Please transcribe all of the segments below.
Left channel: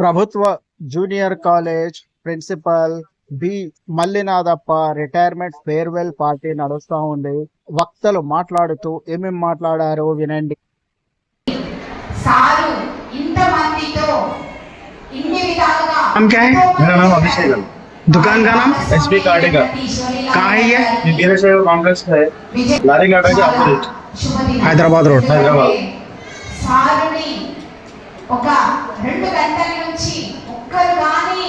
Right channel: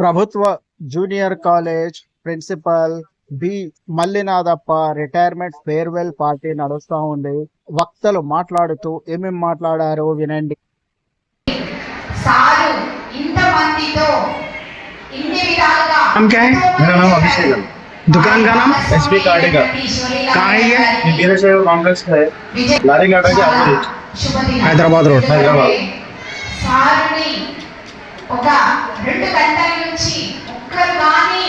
ప్రభుత్వ junior college principal B Mallinathappa retirement farewell party నడుస్తూ ఉంది. వక్తలు మాట్లాడుతూ ఏమేం మాట్లాడారో వినండి. मेरा नाम अभिषेक है। दुकान का नाम एसपी कार्डेगा। कहाँ है ये? वीरशैव कांग्रेस है, लारी घाटा के अपोजिट, हैदराबाद रोड, हैदराबाद। ఒక 2 గంటల నుంచి ఒక్కరు గాని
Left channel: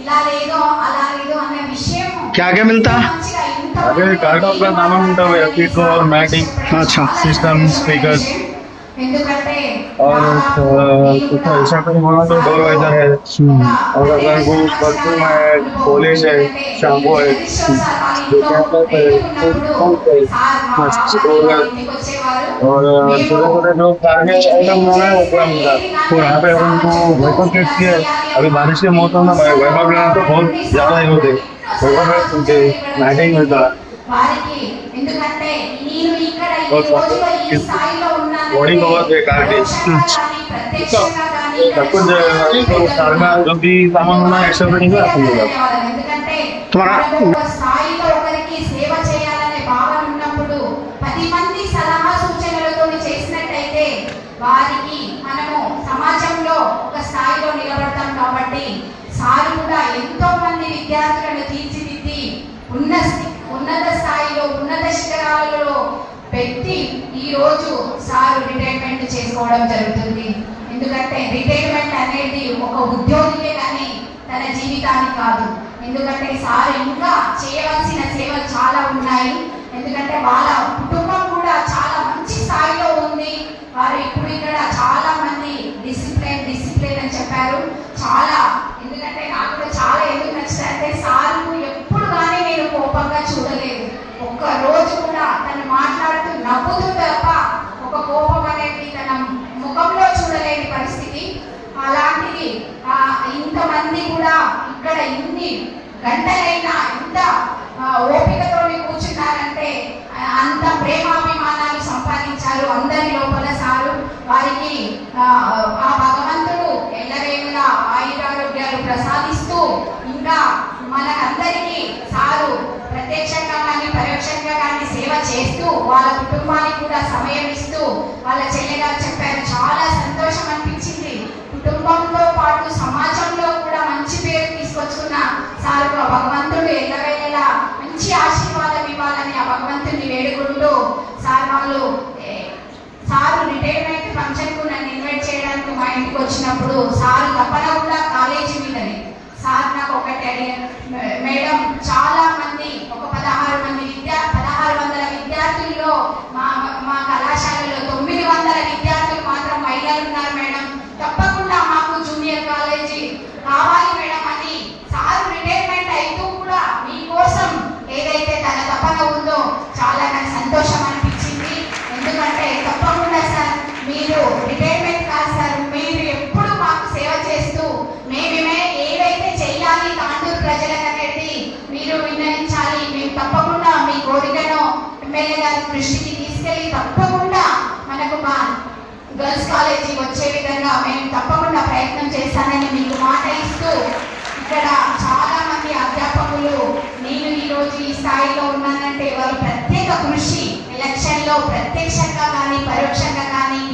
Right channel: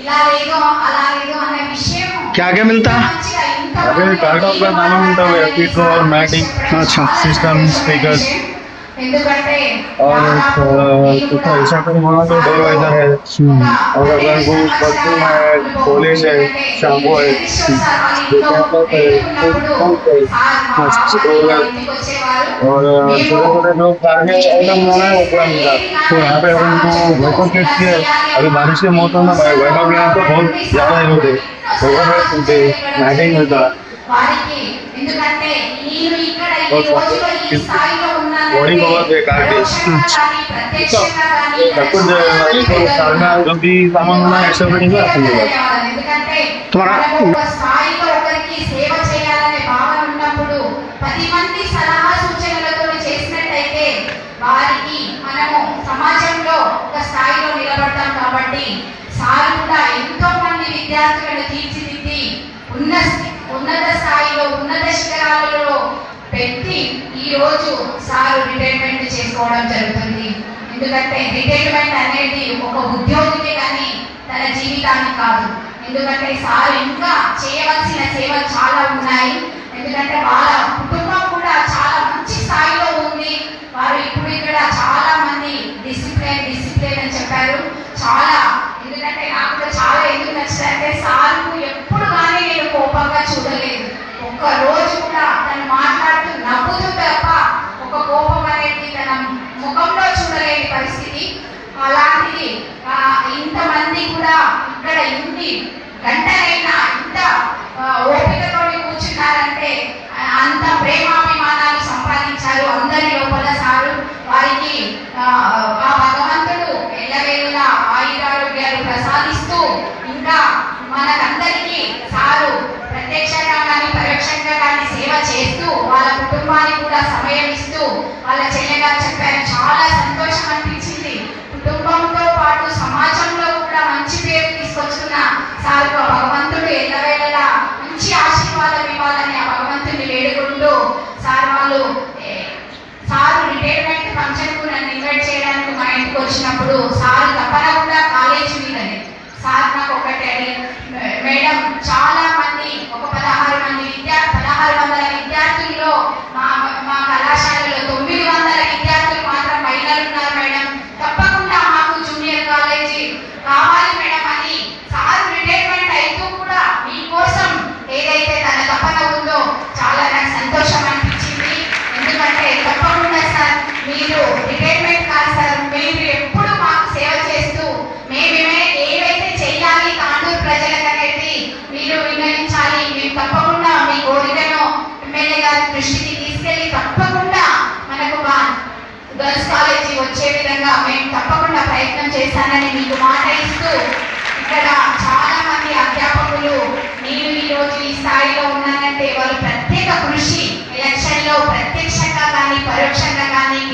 ఇలా లేదు అలా లేదు అనే విషయం क्या क्या मिलता? अरे कार्ड का नाम मिलता है, एफिको और मैटिंग, अच्छा, सिस्टम, स्पीकर्स ఎందుకంటే और कुछ ऐसा कोई मांगा तो डोर वाइजर है, और अगर वो परफ्यूम है, पॉलिश है, शैम्पू है, और छोटे छोटे जो कार्य आइटम है वो पूरा मिलता है। तो यहाँ पे उनको वैभव किट की है, अभी बारिश के मौसम में वैभव लेना तो बहुत ज़्यादा ही होते, वैभव मिलते, मैटिंग मिलता है, बॉडी कवर पे कार्ड सब कुछ कार में जो भी सामान होना है एक्स्ट्रा फिटिंग आपको मिलेगा। तुम्हारा విద్యార్థులను తీర్చిదిద్ది ఉన్నత స్థాయిలో ఉన్నత శిఖరాలలో పెట్టి ఈ రోజు సార్ రిటైర్మెంట్ చేసుకోవడం జరుగుతుంది. ఎందుకంటే రిటైర్మెంట్ అనేది ఒక ఉద్యోగికే కానీ తన జీవితానికి కాదు. ఎందుకంటే సార్ ఇంకా చేయవలసిన సేవలు చాలా ఉన్నాయి. ఎందుకంటే వాళ్ళ కుటుంబం కూడా చాలా మంచి స్థాయిలో ఉంది. వారు ఇప్పుడు ఇక్కడ చాలా మంది డిసిప్లిన్ అని చెప్పారు. చాలా ఎందుకంటే నాకు కూడా చాలా ఎందుకు నచ్చిందంటే సార్కు ఎప్పుడు కానీ నేను కోపంగా చూడలేదు. ఒక్క రోజు కూడా తను మాట్లాడుతూ నవ్వుతూ తప్ప ఒక కోపం అనేది తన ముఖంలో చూడలేని పరిస్థితి. అలాంటిది ఇంతమంది కూడా ఇక్కడ ఇన్ని గంటలైనా ఇంత ఓపికతో కూర్చున్నారంటే అంత ప్రేమాభిమానాలు సంపాదించారు అందరి లోపల సారు. వారికి ఆ భగవంతుడు ఎల్లవేళలా ఆయురారోగ్యాలు ప్రసాదిస్తూ ఇంకా మనకందరికీ సారు ప్రత్యక్షంగా కానీ పరోక్షంగా కానీ సేవ చేస్తూ వాళ్ళ కుటుంబానికి కూడా సమయం ఇస్తూ వాళ్ళ చెల్లెగారు చెప్పారు. చాలా సంతోషం అనిపించింది. కుటుంబంతో పాటు సమాజంలో కూడా మంచి పేరు తీసుకొస్తున్న సారు భగవంతుడు ఎల్లవేళలా మంచి ఆశీర్వాదం ఇవ్వాలని ఆ భగవంతుడిని వేడుకుంటూ సారు రిటైర్మెంట్ ఫంక్షన్కు నన్ను ఇన్వైట్ చేయడానికి మా ఇంటికి వచ్చినప్పుడు సారు తప్పకుండా కాలేజీ మీదనే సార్ నాకు ఒకటి మేడం చాలా మంది ఒక 1600 విద్యార్థుల్లో మా కళాశాలలో 900 విద్యార్థులు మాత్రం మహిళలు ఉన్నారు మేడం. తప్పకుండా మాకు జూనియర్ కాలేజీ కావాలి మేడం అని సార్ రిటైర్మెంట్ అయితే కూడా మీకోసం ఏదైతే తన తపన ఉందో చాలా నాకు సంతోషం అనిపించింది. ఎందుకంటే తప్పకుండా సార్ మీరు రిటైర్మెంట్ కాదు సార్, మీరు ఎప్పుడు మాకు సేవ చేస్తూ మేము ఏవైతే చేయాలి తాండూరు ప్రజలకు అనేది మీరు విన్నవించాలి. మేము తప్పకుండా మీ కోరికను ఎమ్మెల్యే గారి దృష్టికి తీసుకెళ్లి తప్పకుండా మనకు గర్ల్స్ కాలేజీ వచ్చే విధంగా మేము తప్పకుండా ప్రయత్నం చేస్తానని మీకు మాట ఇస్తూ ఇక్కడ చాలా మంది అధ్యాపకులు నేను ఈ రోజు ఈ స్థాయిలో ఉన్నానంటే వారు ప్రత్యేక కృషి ఎలక్షన్ లో ప్రత్యక్షంగా కానీ పరోక్షంగా కానీ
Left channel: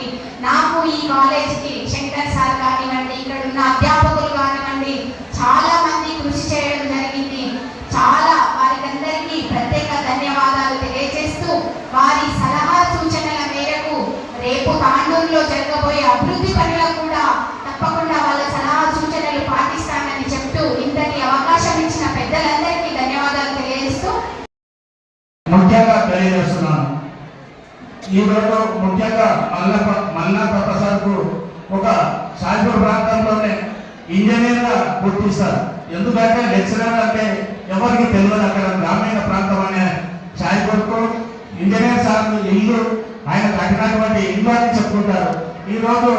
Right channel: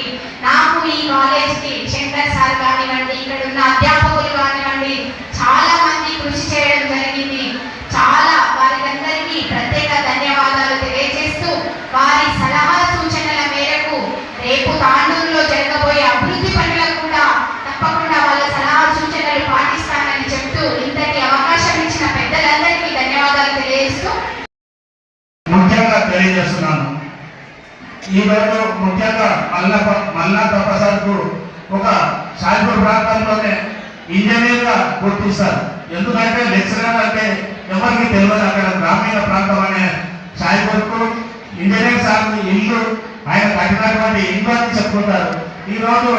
నాకు ఈ కాలేజ్కి శంకర్ సార్ కానివ్వండి, ఇక్కడ ఉన్న అధ్యాపకులు కానివ్వండి చాలా మంది కృషి చేయడం జరిగింది. చాలా వారికందరికీ ప్రత్యేక ధన్యవాదాలు తెలియజేస్తూ వారి సలహా సూచనల మేరకు రేపు తాండూరులో జరగబోయే అభివృద్ధి పనులకు కూడా తప్పకుండా వాళ్ళ సలహా సూచనలు పాటిస్తానని చెప్తూ ఇంతటి అవకాశం ఇచ్చిన పెద్దలందరికీ ధన్యవాదాలు తెలియజేస్తూ ముఖ్యంగా తెలియజేస్తున్నాను. ఈరోజు ముఖ్యంగా మల్లినాథప్ప సార్కు ఒక సాయిపూర్ ప్రాంతంలోనే ఇంజనీర్గా గుర్తిస్తారు. ఎందుకంటే లెక్చరర్ అంటే ఎవరికి తెలియదు. అక్కడ గ్రామీణ ప్రాంతం అనే సాయిపూర్కు ఇంజనీర్ సార్ ఇల్లు ఆయన కట్టినటువంటి ఇల్లు అని చెప్పుకుంటారు. ఈరోజు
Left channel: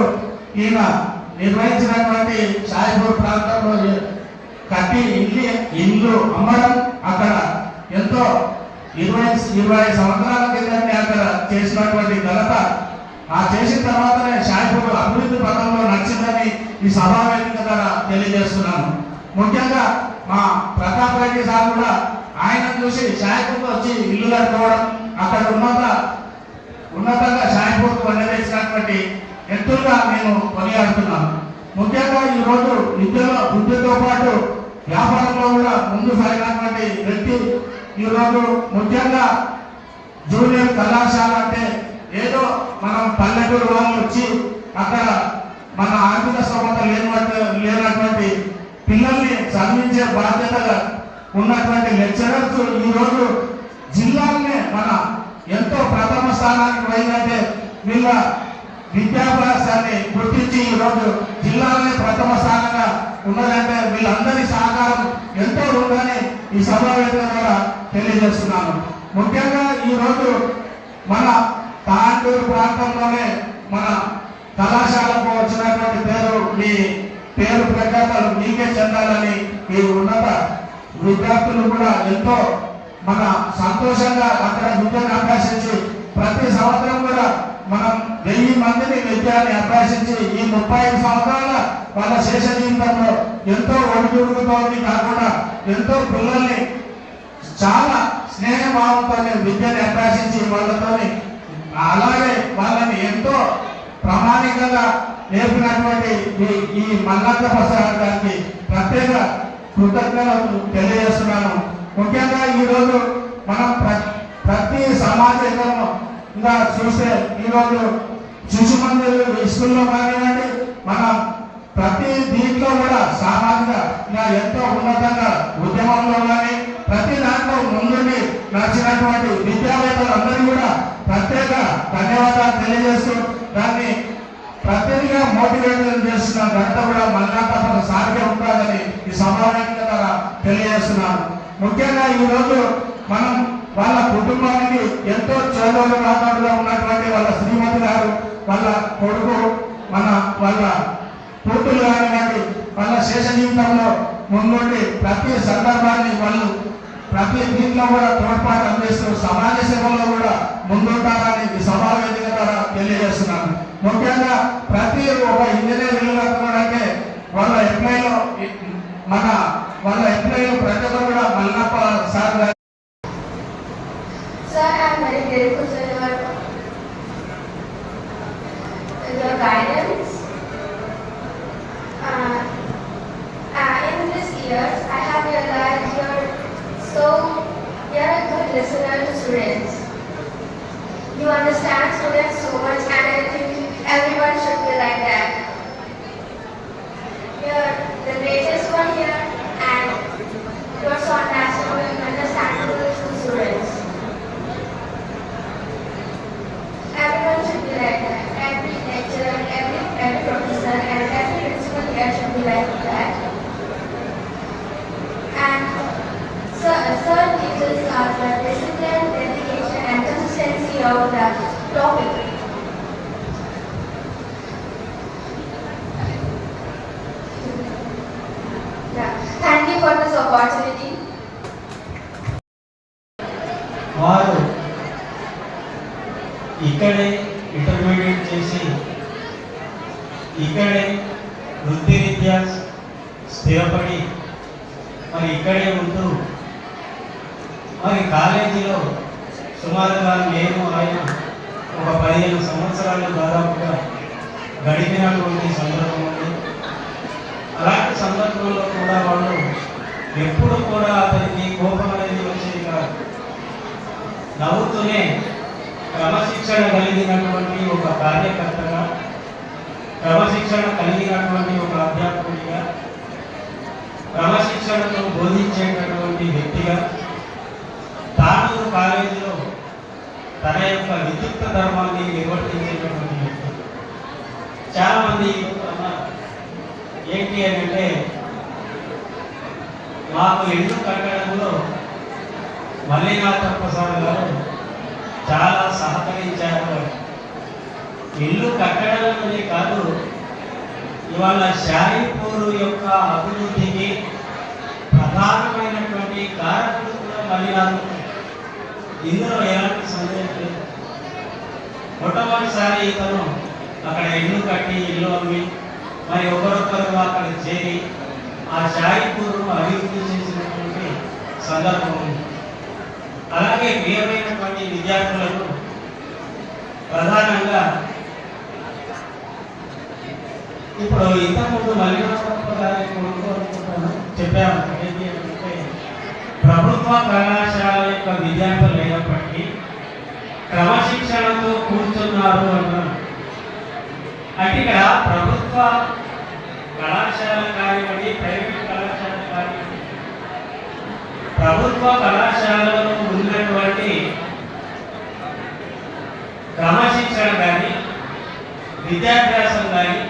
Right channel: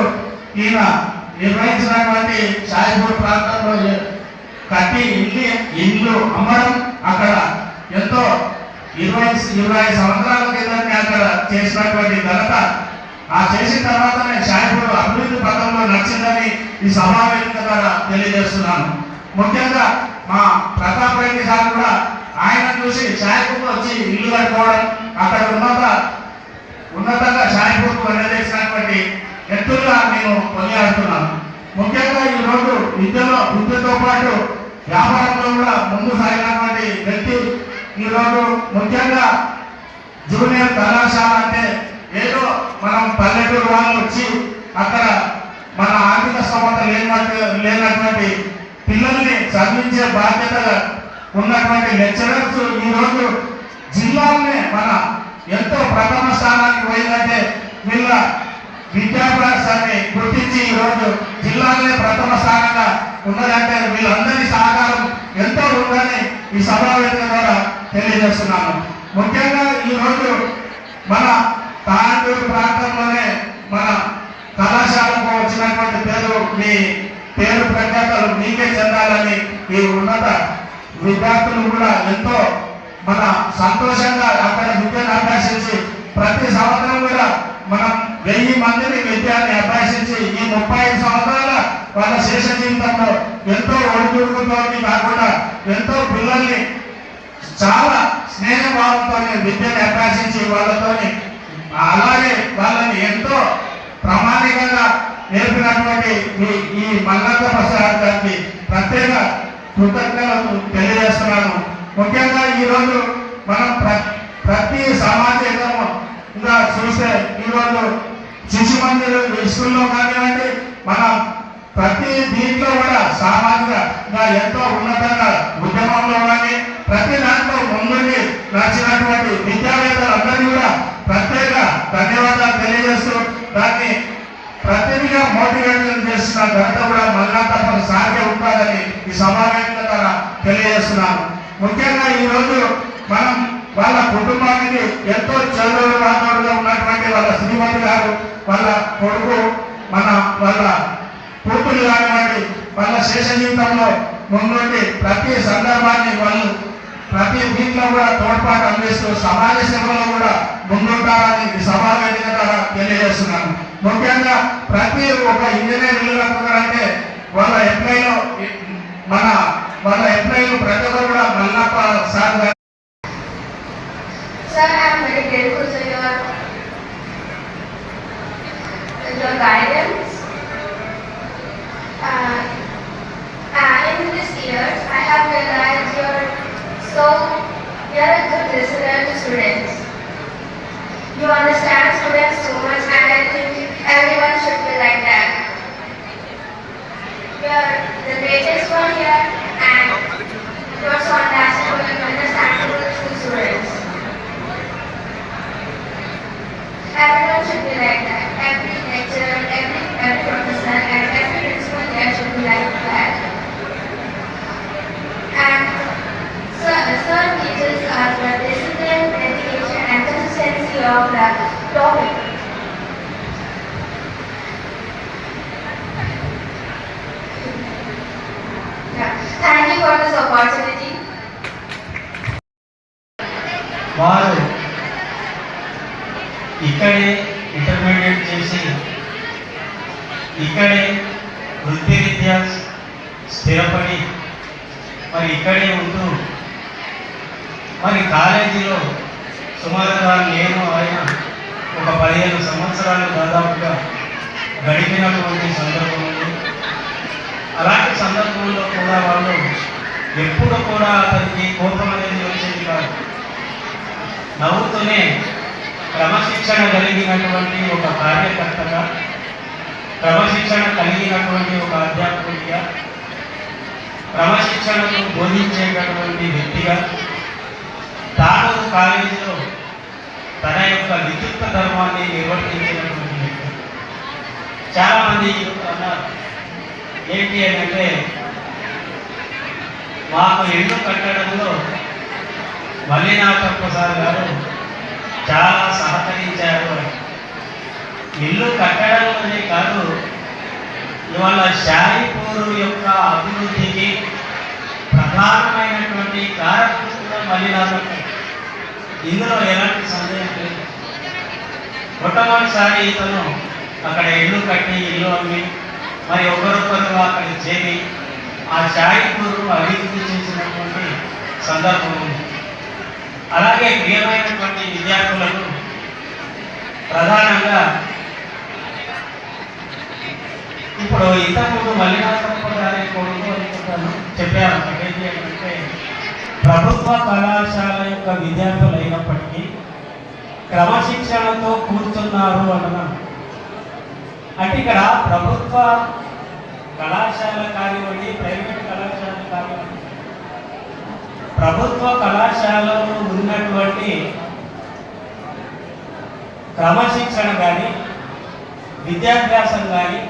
ఈయన నిర్వహించినటువంటి సాయిపూర్ ప్రాంతంలో కట్టి ఇల్లు అమ్మడం, అక్కడ ఎంతో 20 సంవత్సరాల కిందనే అక్కడ చేసినటువంటి ఘనత, ఆ చేసిన తర్వాతనే షాయిపూర్ అభివృద్ధి పథంలో నడిచిందని ఈ సమావేశం ద్వారా తెలియజేస్తున్నాను. ముఖ్యంగా మా ప్రతాప్ రెడ్డి సార్ కూడా ఆయన చూసి షాయిపూర్ వచ్చి ఇల్లు కట్టుకోవడం, అక్కడ ఉన్నతంగా షాయిపూర్ నిర్దేశించినటువంటి వ్యక్తులుగా నేను కొనియాడుతున్నాను. ముఖ్యంగా ఈ రోజు విద్యతో పాటు వ్యాపారంలో కూడా ముందు సాగినటువంటి వ్యక్తి. ఈ రోజు ముఖ్యంగా జూనియర్ కళాశాల అంటే ఏదో మనం పల్లెటూరు వాళ్ళు వచ్చి అక్కడ మన ఆర్థిక స్తోమత లేనటువంటి పిల్లల్ని చదివించే బాధ్యత ఉన్నటువంటి లెక్చరర్స్ ఈ రోజు జిల్లాలోనే మన ఎంతో ప్రథమ స్థానానికి పోయిందంటే వీళ్ళ విద్యాభ్యాసాన్ని గుర్తించి ఈ రోజు జిల్లాలోనే ప్రథమ స్థానంగా ఉన్నదంటే వీళ్ళందరి సహకారం ఎంతో ఉందని ఈ సమావేశం ద్వారా తెలియజేస్తున్నాను. ముఖ్యంగా ఈ రోజు మన తాండూరు ప్రాంతంలోనే మన కళాశాలకు వచ్చినటువంటి పేరు ప్రఖ్యాతలు మీకే చెందాలని ఈ ఉన్నత విద్యార్థులు కూడా ఎంతో మన సంతోషంగా అక్కడ విద్యను అభ్యసించి ప్రతి సంవత్సరం కూడా మనం 1000 మందిని విద్యాన్ని అభ్యసించి ఈ 35 సంవత్సరాల వాళ్ళ శేష జీవితంలో ఎంతో ఒడిదుడుకుతో కాకుండా ఎంతో పిల్లల్ని చాలా స్నేహభావంతో విద్యని అభ్యసించి వాళ్ళతోని అలాగే వాళ్ళని ఎంతో ప్రామాణికంగా నేర్పినటువంటి ఈ మల్లంత ప్రసాద్ గారికి ప్రత్యేక కృతజ్ఞతలు తెలియజేస్తున్నాను. ముఖ్యంగా ఈ రోజు మనం ప్రతి సామాజికంగా చూస్తే ఈ రోజు శిశు మందిర్ స్కూల్లో కానివ్వండి, మన ప్రతి దీంట్లో కూడా సామాజికంగా ఎంతో ఉన్నతంగా ఉద్యమంలో కానీ ప్రతి దాంట్లో ముందుకి నడిచినటువంటి విద్యావేత్తలందరినీ కూడా ప్రత్యేక ధన్యవాదాలు తెలియజేస్తూ దాన్ని ప్రతినిధిగా మోటివేట్ చేస్తున్న ఘనత కూడా మల్లంత సాధ్య ఉంటుందని ఈ సమావేశం ద్వారా తెలియజేస్తున్నాను. ముఖ్యంగా ఈ రోజు మనం వాళ్ళ కుటుంబానికి ఎంతో చదువు రాజుగా ఉన్నటువంటి వాళ్ళ శ్రీమతి గారు, వాళ్ళ కొడుకు, వాళ్ళ కూతురు కానివ్వండి, వాళ్ళ శేష జీవితంలో ముందుండి ప్రతి సందర్భాన్ని వాళ్ళు ప్రతి దీంట్లో కూడా తోడ్పాటు అందిస్తూ సమాజ సేవలో కూడా ముందుంటారని ఈ సమావేశం ద్వారా తెలియజేస్తున్నాను. ముఖ్యంగా ప్రతి ఒక ఇంజనీర్ అంటే వాళ్ళ ఎంప్లాయ్లో ప్రతి ఒక్కరు కూడా మల్లప్ప సార్ గారు. Sir, I am very grateful for your guidance. In this year, I have realized you are a good listener to students. You understand students so much, and I think everyone should be like that. You are the greatest one here, and you are so understandable and understandable to students. Everyone should be like that. Every lecturer, every professor, and every principal here should be like that. And sir teaches us the discipline, dedication, and consistency of the topic. Yeah. Thank you for this opportunity. వారు ఇక్కడే intermediate చేసి ఇక్కడే వృత్తిరీత్యా స్థిరపడి మరి ఇక్కడే ఉంటూ మరి కాలేజీలో సుమారుగా నేను ఆయన ఒక 15 సంవత్సరాలు దాదాపుగా గడిపినటువంటి సందర్భం ఉంది. అలాంటి సందర్భంలో కూడా వాళ్ళు ఎప్పుడు కూడా అతనికి కోపం అనేది వచ్చేది కాదు. నవ్వుతూనే క్రమశిక్షణ కలిగినటువంటి ఒక కార్యకర్తగా, క్రమశిక్షణ కలిగినటువంటి ఒక అధ్యాపకుడిగా, క్రమశిక్షణను బోధించేటటువంటి వ్యక్తిగా తాను కాలేజీలో తన యొక్క విద్యుత్ ధర్మాన్ని నిర్వర్తించేటటువంటి వ్యక్తి. చాలామంది అన్నారు ఏంటి అంటే మాకు ఇల్లు కట్టడంలో మల్లినాథ ప్రసాద్ గారు చాలా సహకరించారు. ఇల్లు కట్టడంలోనే కాదు, ఇవాళ షాయిపూర్ యొక్క అభివృద్ధికి ప్రధానమైనటువంటి కారకుడు మల్లినాథ. ఇందులో ఎలాంటి సందేహం లేదు. మొట్టమొదటిసారి ఇతను అక్కడ ఇల్లు కట్టి ఇల్లు అమ్మి మరి ఒకరొకరు అక్కడ చేరి ఆ షాయిపూర్ను అభివృద్ధి చేసినటువంటి సందర్భం ఉంది. అలాగే ప్రియమైనటువంటి విద్యార్థులకు ప్రధానంగా ఇప్పుడు ఇంతకుముందు మల్లినాథప్ప గారి చెప్పారు ఏంటంటే ప్రభుత్వ కళాశాల యొక్క విద్యార్థులు అయినప్పటికీ క్రమశిక్షణతో కూర్చున్నారు అన్నాం. అంటే ఇక్కడ ప్రభుత్వ కళాశాల కానివ్వండి, ప్రైవేట్ కళాశాల కానివ్వండి, ప్రభుత్వ కళాశాలలో ఉన్నటువంటి క్రమశిక్షణ కానీ విద్యాభ్యాసం కానీ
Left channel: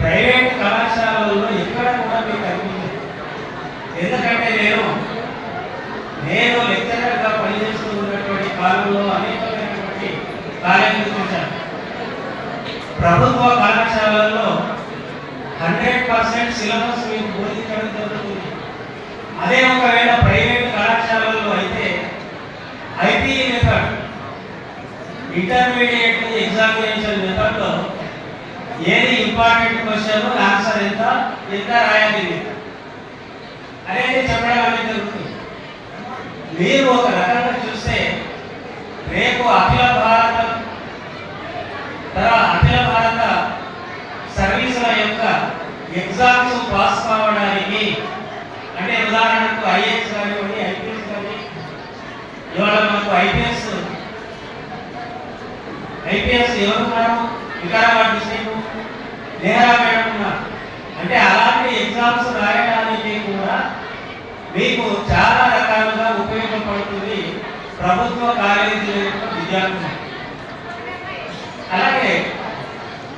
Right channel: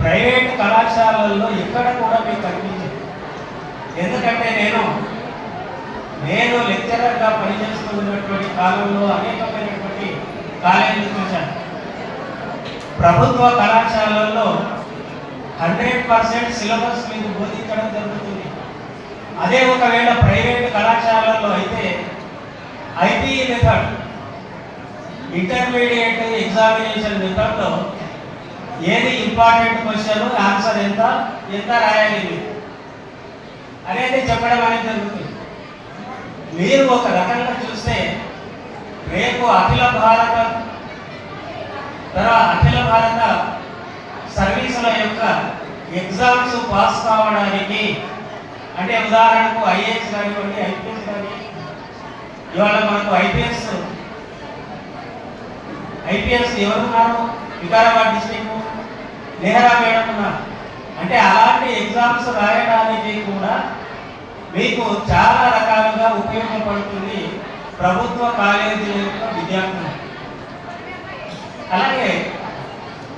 ప్రైవేట్ కళాశాలల్లో ఎక్కడ కూడా మీకు కనిపించదు. ఎందుకంటే నేను లెక్చరర్గా పనిచేస్తూ ఉన్నటువంటి కాలంలో అనేకమైనటువంటి కాలేజీలు చూశాను. ప్రభుత్వ కళాశాలల్లో 100% సిలబస్ మీకు బోధించడం జరుగుతుంది. అదే ఒకవేళ ప్రైవేట్ కళాశాలలో అయితే ఐపీఈ మెథడ్, ఇంటర్మీడియట్ ఎగ్జామినేషన్ మెథడ్లో ఏది ఇంపార్టెంట్ క్వశ్చన్, ఆన్సర్ ఎంత రాయాలి అనేది చెప్పడం అనేది జరుగుతుంది. మీరు ఒక రకంగా చూస్తే రేపు అఖిల భారత సర్వీసుల యొక్క ఎగ్జామ్స్ పాస్ కావడానికి, అంటే ఉదాహరణకు ఐఏఎస్ కానివ్వండి, ఐపీఎస్ కానీ, ఇవాళ మనకు ఐపీఎస్ ఎవరున్నారు? వికారాబాద్ డిస్ట్రిక్ట్ నెహ్రా మేడం ఉన్నారు. అంటే అలాంటి ఎగ్జామ్స్ రాయడానికి కూడా మీకు చాలా రకాలుగా ఉపయోగపడుతుంది ప్రభుత్వ కాలేజీల యొక్క విద్యార్థులు. అలాగే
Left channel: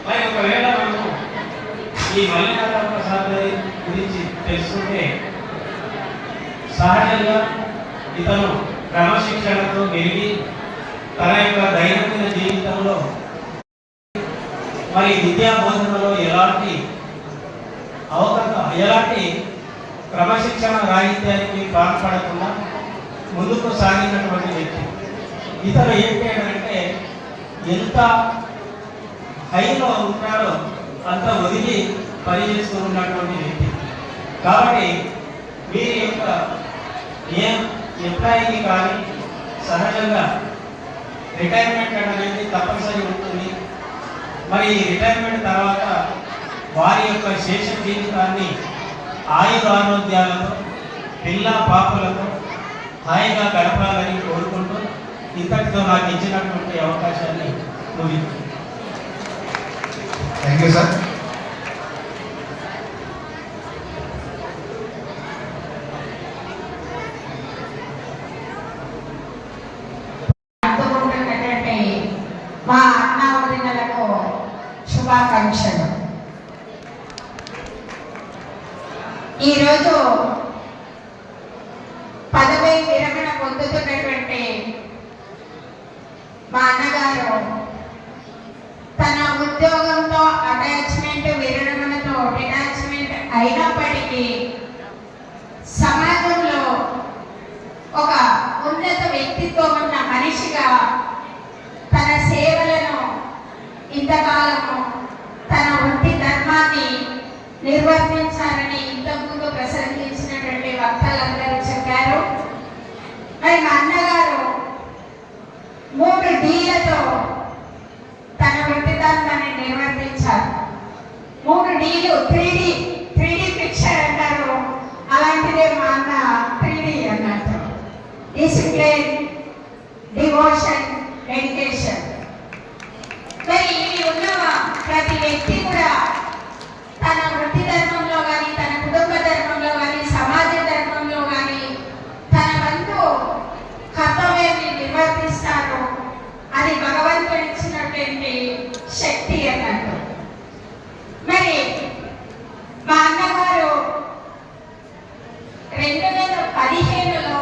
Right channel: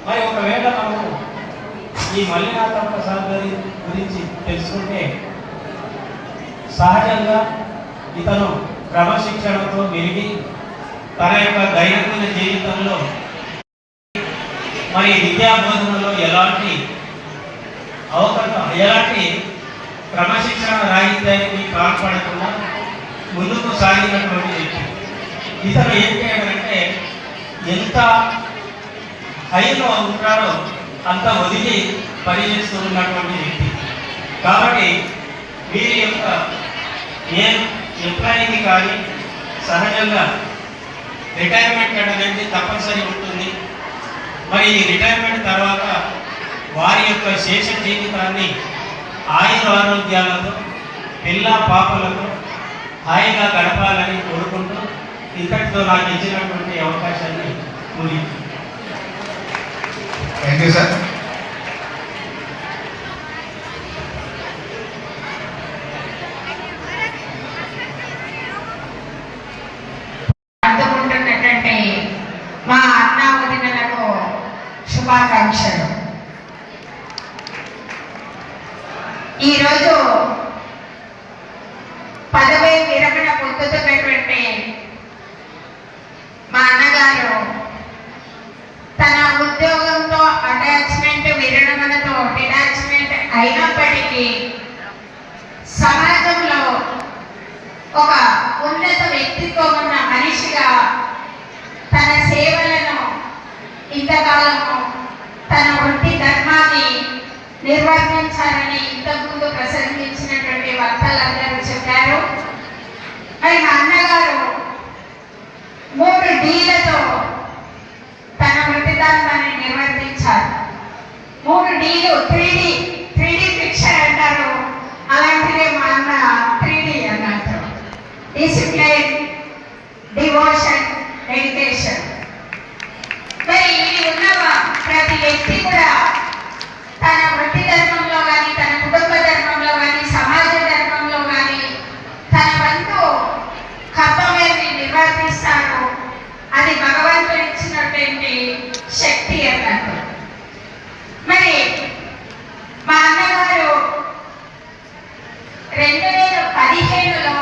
మరి ఒకవేళ మనము ఈ మల్లినాథప్ప సార్ గురించి తెలుసుకుంటే సహజంగా ఇతను క్రమశిక్షణతో పెరిగి తన యొక్క దైనందిన జీవితంలో మరి విద్యా బోధనలో ఎలాంటి క్రమశిక్షణ రాహిత్యానికి కాల్పడకుండా ముందుకు సాగినటువంటి వ్యక్తి. ఇతను ఏంటంటే ఎంత హైలో ఉంటాడో అంత ఒదిగి పనిచేస్తూ ఉన్నటువంటి వ్యక్తి. కాబట్టి వీరి యొక్క ఏ ఎంప్లాయీకి కానీ సహజంగా రిటైర్మెంట్ అనేది తప్పనిసరి ఉంటుంది. మరి ఈ రిటైర్మెంట్ తర్వాత వారి యొక్క శేష జీవితాన్ని ఆయురారోగ్యాలతో పిల్ల పాపలతో హాయిగా గడపాలని కోరుకుంటూ ఇంతటితో నాకు ఇచ్చినటువంటి అవకాశాన్ని ముగించాను. Thank you sir. అందుకుంటున్నటువంటి మా అన్న వదినలకు శుభాకాంక్షలు. ఈరోజు పదవి విరమణ పొందుతున్నటువంటి మా అన్నగారు తన ఉద్యోగంతో అటాచ్మెంట్ విరమణతో డిటాచ్మెంట్ అయినప్పటికీ సమాజంలో ఒక ఉన్నత వ్యక్తిత్వం ఉన్న మనిషిగా తన సేవలను ఇంతకాలము తన వృత్తి ధర్మాన్ని నిర్వర్తించాలని ఇంతకుముందు ప్రసంగించినటువంటి వక్తలందరూ చెప్పారు. మరి మా అన్నగారు 3 డీలతో తన వృత్తి ధర్మాన్ని నిర్వర్తించారు. 3 డీలు 3D పిక్చర్ అంటారు. అలాంటిదే మా అన్న 3D అన్నట్టు. Discipline, devotion, dedication. మరి ఇది ఉన్న ప్రతి వ్యక్తి కూడా తన వృత్తి ధర్మంలో కానీ, తన కుటుంబ ధర్మంలో కానీ, సమాజ ధర్మంలో కానీ తన వంతు కర్తవ్యాన్ని నిర్వర్తిస్తాడు. అది భగవంతుడు ఇచ్చినటువంటి శక్తి అన్నట్టు. మరి మా అన్నగారు 2015లో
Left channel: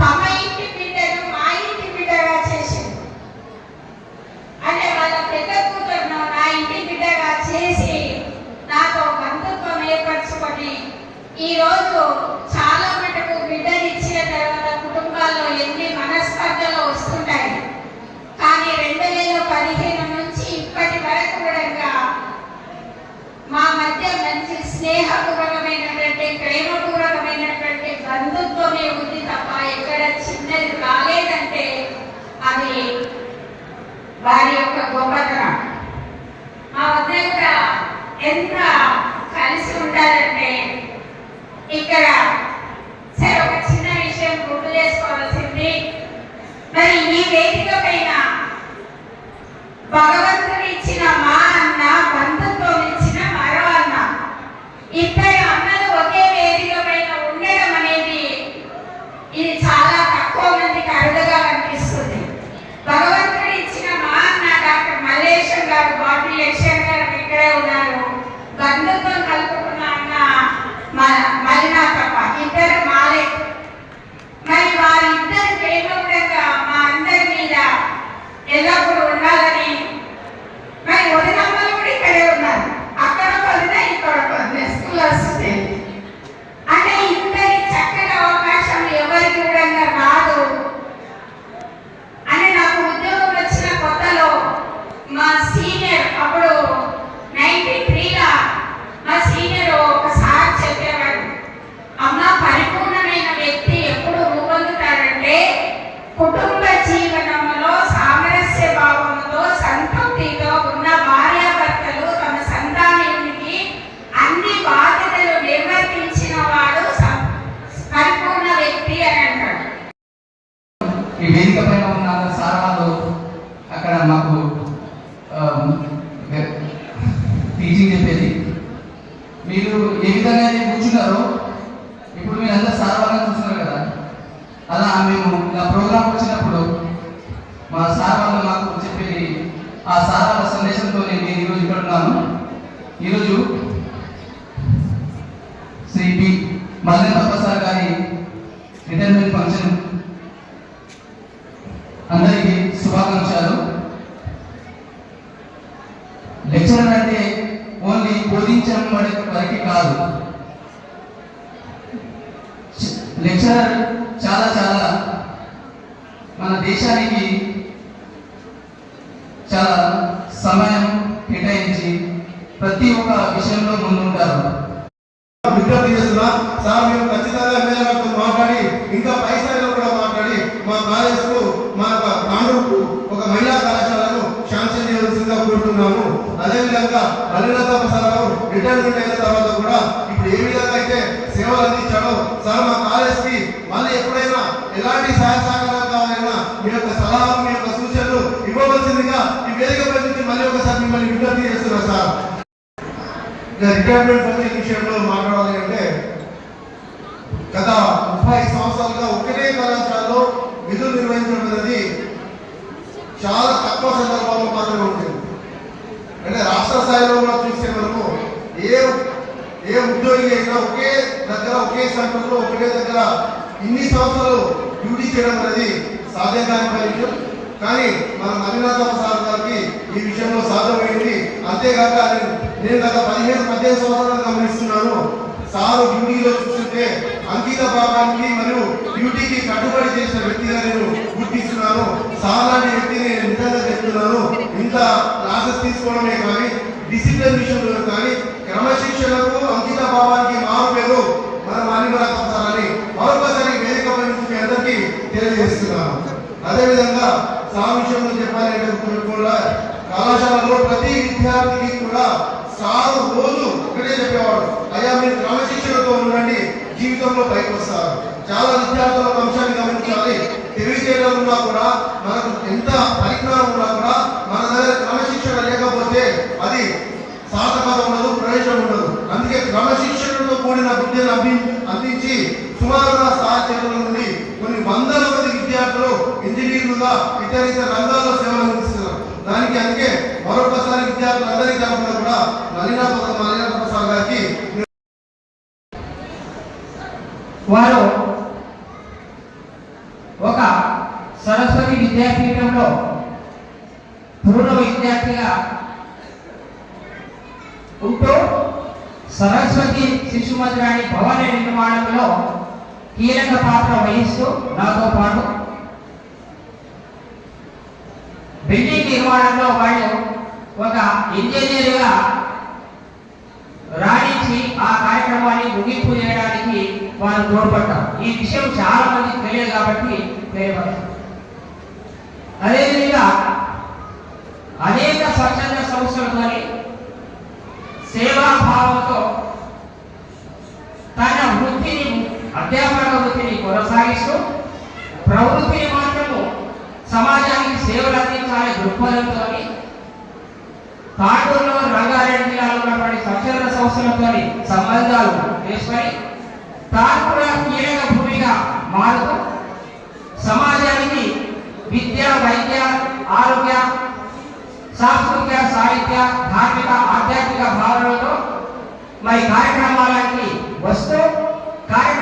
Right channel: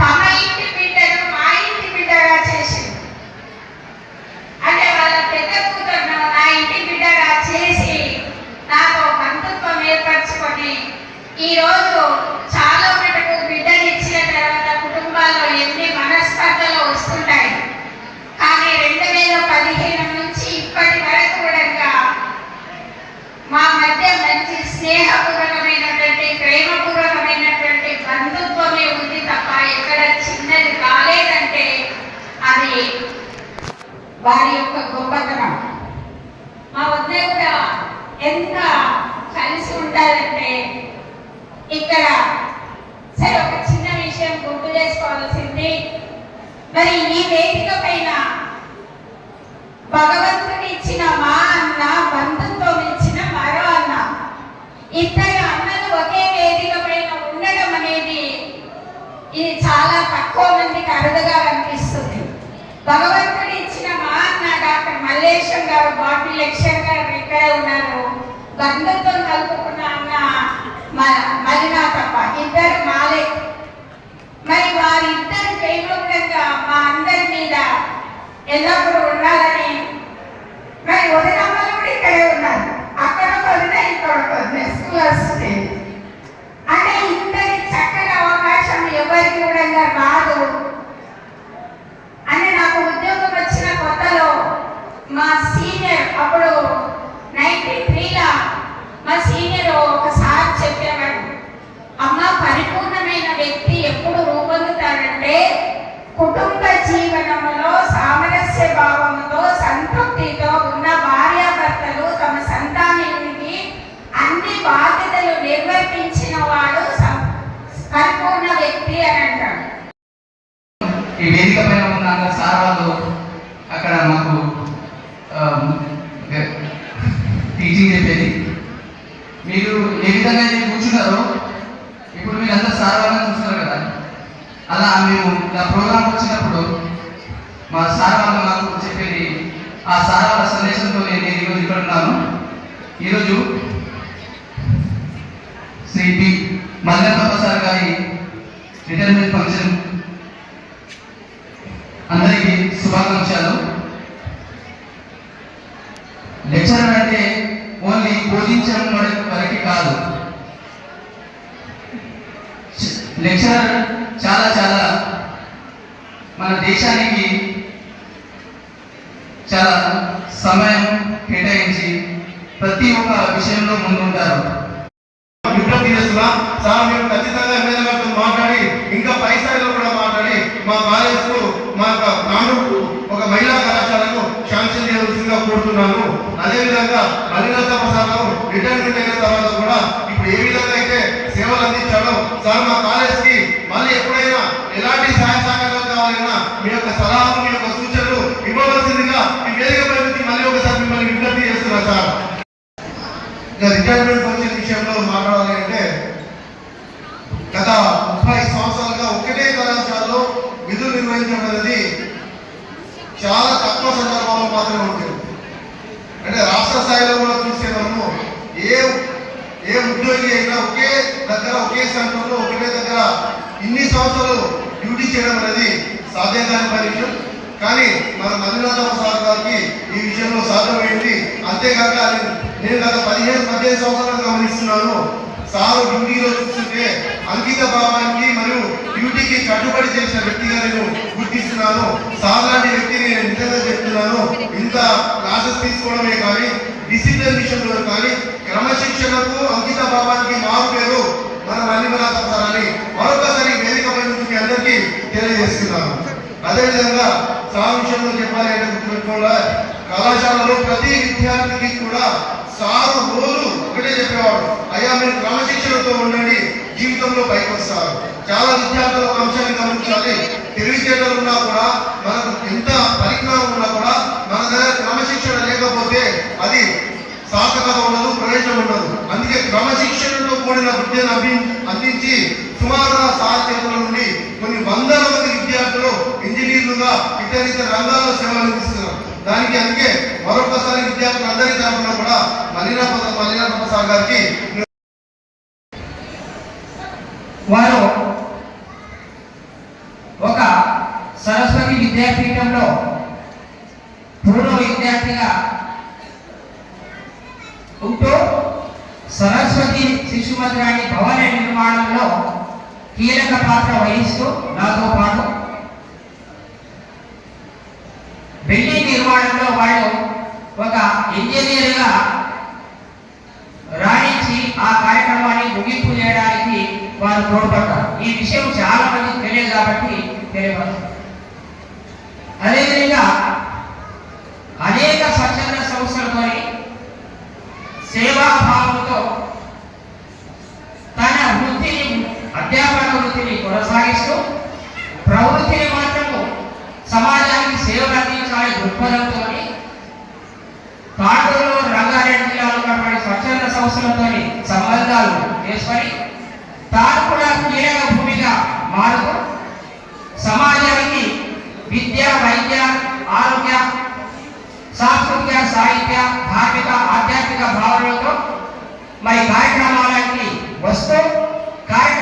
తమ ఇంటి బిడ్డను మా ఇంటి బిడ్డగా చేసింది. అంటే వాళ్ళ పెద్ద కూతురును నా ఇంటి బిడ్డగా చేసి నాతో బంధుత్వం ఏర్పరచుకొని ఈరోజు చాలా మటుకు బిడ్డలు ఇచ్చిన తర్వాత కుటుంబాల్లో ఎన్ని అది వారి యొక్క గొప్పతనం. మా ఉద్యోగ ఎంత కలిసి ఉండాలంటే ఇక్కడ సరే ఒక చిన్న విషయం గుర్తు చేసుకోవాల్సింది. మరి ఈ వేదిక పైన భగవంతుడు ఇచ్చిన మా అన్న, బంధుత్వం ఇచ్చిన మరో అన్న, ఇద్దరు అన్నలు ఒకే వేదిక పైన ఉండడం అనేది ఇది చాలా తక్కువ మందికి అరుదుగా అనిపిస్తుంది. భగవంతుడు ఇచ్చిన మా అన్న డాక్టర్ మల్లేశ్వర్ గారు, బాబీ యక్షర్ గారు ఇక్కడే ఉన్నారు. బంధుత్వం కలుపుకున్న అన్న మలినా తప్ప ఇద్దరు మాలే. మరి వారిద్దరు ప్రేమగా మా అందరి మీద ఎల్లప్పుడూ ఉండాలని మరి వదినమ్మలు కూడా ఇక్కడే ఉన్నారు. అక్కడ వదిన ఇక్కడ వదిన స్కూల్ వస్తుంది అంటే ఇద్దరి చక్కని అవకాశం ఎవరికి కూడా రాదు అని నాకు ఉద్యోగం వచ్చిన కొత్తలో మా సీనియర్ అప్పుడు 93లో మా సీనియర్ ఒకసారి చెప్పేవాడు, అమ్మ పరిపూర్ణమైన వ్యక్తి ఎప్పుడు రూపొందుతాడంటే కుటుంబ జీవనంలో సామరస్య భావంతో సంతృప్తితో ఉన్న భార్యాభర్తలు తమ సంతానానికి అన్ని బాధ్యతలు నిర్వర్తించిన వాడు పరిపూర్ణ వ్యక్తి అని అంటాడు. ఈ వేదిక పైన ఉన్న సార్ వాళ్ళు అక్కడ మాకు టీచింగ్ చెప్పేది. మీరు ఏ విధంగా అయితే కూర్చున్నారో ఇప్పుడు మీరు అందరూ సార్ వాళ్ళని చూస్తున్నారు కదా, అలా మేము ఇలా ప్రోగ్రామ్ వచ్చినప్పుడు మా సార్ వాళ్ళు మాకు చెప్పేది, ఆ సార్ వాళ్ళ సందేశంతో నేను ఈరోజు ఇక్కడ ఉన్నాను. ఈరోజు శ్రీ పి మల్లెప్ప సార్ గారి రిటైర్మెంట్ ఫంక్షన్. అందరికీ శుభాకాంక్షలు. లెక్చరర్ అంటే ఓన్లీ బోధించడం వరకు కాదు, లెక్చరర్ చాలా చాలా మన దేశానికి చాలా సమయం కేటాయించి ప్రతి ఒక్క విషయంలో ముందుంటారు. విజ్ఞప్తి చేస్తున్నా సార్, మేము ఖచ్చితంగా ఎమ్మెల్యే గారితో మాట్లాడి ఇంకా పై స్థాయిలో కూడా మాట్లాడి మా కాలేజ్ కు మా కాండూకు ఒక మహిళా కళాశాలకు శాంక్షన్ చేయవలసిందిగా కోరుతున్నాము. అదేవిధంగా మల్లినాథ ప్రసాద్ రిటైర్మెంట్ అయిన తర్వాత కూడా ఇప్పుడు ఏ విధంగా అయితే సేవలు అందించాడో సార్ మా కాలేజ్ కి మళ్ళీ ఎప్పుడైనా ఎలాంటి సహాయ సహకారాలు కావాలన్నా మీ యొక్క సలహాలు, మీ యొక్క సూచనలు ఇవ్వవలసిందిగా ఈ వేదిక ప్రతి మళ్ళీ ఒకసారి మిమ్మల్ని విజ్ఞప్తి చేస్తున్నా సార్. రిటైర్మెంట్ ఫంక్షన్ విషయంలో మాట్లాడాలి అంటే గత 30 సంవత్సరాలుగా ఒకటే కళాశాలలో విధులు నిర్వహించడం అనేది చాలా తక్కువ సందర్భాల్లో మాత్రమే ఉంటుంది. అంటే రాష్ట్ర స్థాయిలో కూడా చూస్తే మనము ఏ ఉద్యోగి అయినా ఒకే దగ్గర ఒకే సెంటర్లో ఒకటే దగ్గర ఇన్ని సంవత్సరాలు డ్యూటీ చేయడం అనేది సాధ్యం కాని పరీక్ష. కానీ మన మల్లినాథ సార్ గారికి ఈ విషయంలో సాధ్యమైంది. అంతేకాక నేను గత 15 సంవత్సరాలు గమనిస్తున్నాను, సారు డ్యూటీలో చూస్తుంటే అంకిత భావానికి మరియు డ్యూటీకి కట్టుబడి చేసిన వ్యక్తిగా నేను గుర్తిస్తున్నాను. సార్ లాంటి వ్యక్తిని నేను నిజంగా చెప్తున్నాను. ఇంత క్లాసెస్ తీసుకోవడమే కానీ డిసిప్లిన్ విషయంలో కానీ క్రమశిక్షణకు అంకిత భావానికి మారు పేరు మన మల్లినాథ సార్ అని మరొకసారి వేదికపై నుంచి అందరికీ తెలియజేస్తున్నాను. అదేవిధంగా సార్ విషయంలో చెప్పాలంటే గుర్తుపెట్టుకోవాలా, కళాశాలలో ప్రతి విద్యార్థికి కూడా సారు రోజు ఒకటే చెప్పేవాడు, అయ్యా మీరు క్రమశిక్షణతో ఉండండి, జీవితంలో పైకి వస్తారు. చాలా విద్యార్థుల ఒక అంశాన్ని గమనించాలి, తెలివితేటలు ఉన్నా కూడా మనకు ఎంత పరిజ్ఞానం ఉన్నా కూడా మన దగ్గర క్రమశిక్షణ లేకపోతే అది సార్థకత ఉండదు, ప్రయోజనం ఉండదు. అందుకే క్రమశిక్షణతో కూడిన విద్యను అందించి సుమారుగా సార్ చేతుల నుండి కొన్ని వందల మంది విద్యార్థులు ఇంజనీర్లుగా ఇతర రంగాల్లో సేవలు అందిస్తున్నారు. దానికి అందుకే మరొకసారి విద్యార్థులందరి తరఫున కూడా మల్లినాథ ప్రసాద్ గారికి వారు ఒక సరస్వతి విద్యాపీఠంలో పూర్వ విద్యార్థిగా ఉంటూ సరస్వతి శిశుమందిరాన్ని భవన నిర్మాణంలో కీలక పాత్ర వహిస్తూ నాతో పాటు బిల్డింగ్ నిర్మాణంలో వాళ్ళు ఒక ఇంజనీర్గా రాణించి ఆ కార్యక్రమాన్ని ముగింపు చేయడానికి వారు తోడ్పడతారు. ఈ విషయం చాలా మందికి తెలియదు కాబట్టి తెలియవచ్చు. అదేవిధంగా అనేక స్వచ్ఛంద సంస్థలతో సేవాభావంతో తన వృత్తిని అధ్యాపన వృత్తిని కొనసాగిస్తూ ప్రవృత్తిని మాత్రము సమాజానికి సేవలు అందించాలనే దృక్పథంతో కాటూరులో రంగారెడ్డి జిల్లాలో ఉన్నటువంటి స్వచ్ఛంద సంస్థలతో సంబంధాలు చేసుకొని తాను కూడా కీలక భూమిగా మారుతూ సమాజానికి విద్య, వైద్య, ఆరోగ్య, సాంస్కృతిక, సాహిత్య, ధార్మిక, ఆధ్యాత్మిక భావనలతో మరి కార్యక్రమాలకి వస్తూ కార్యక్రమాలు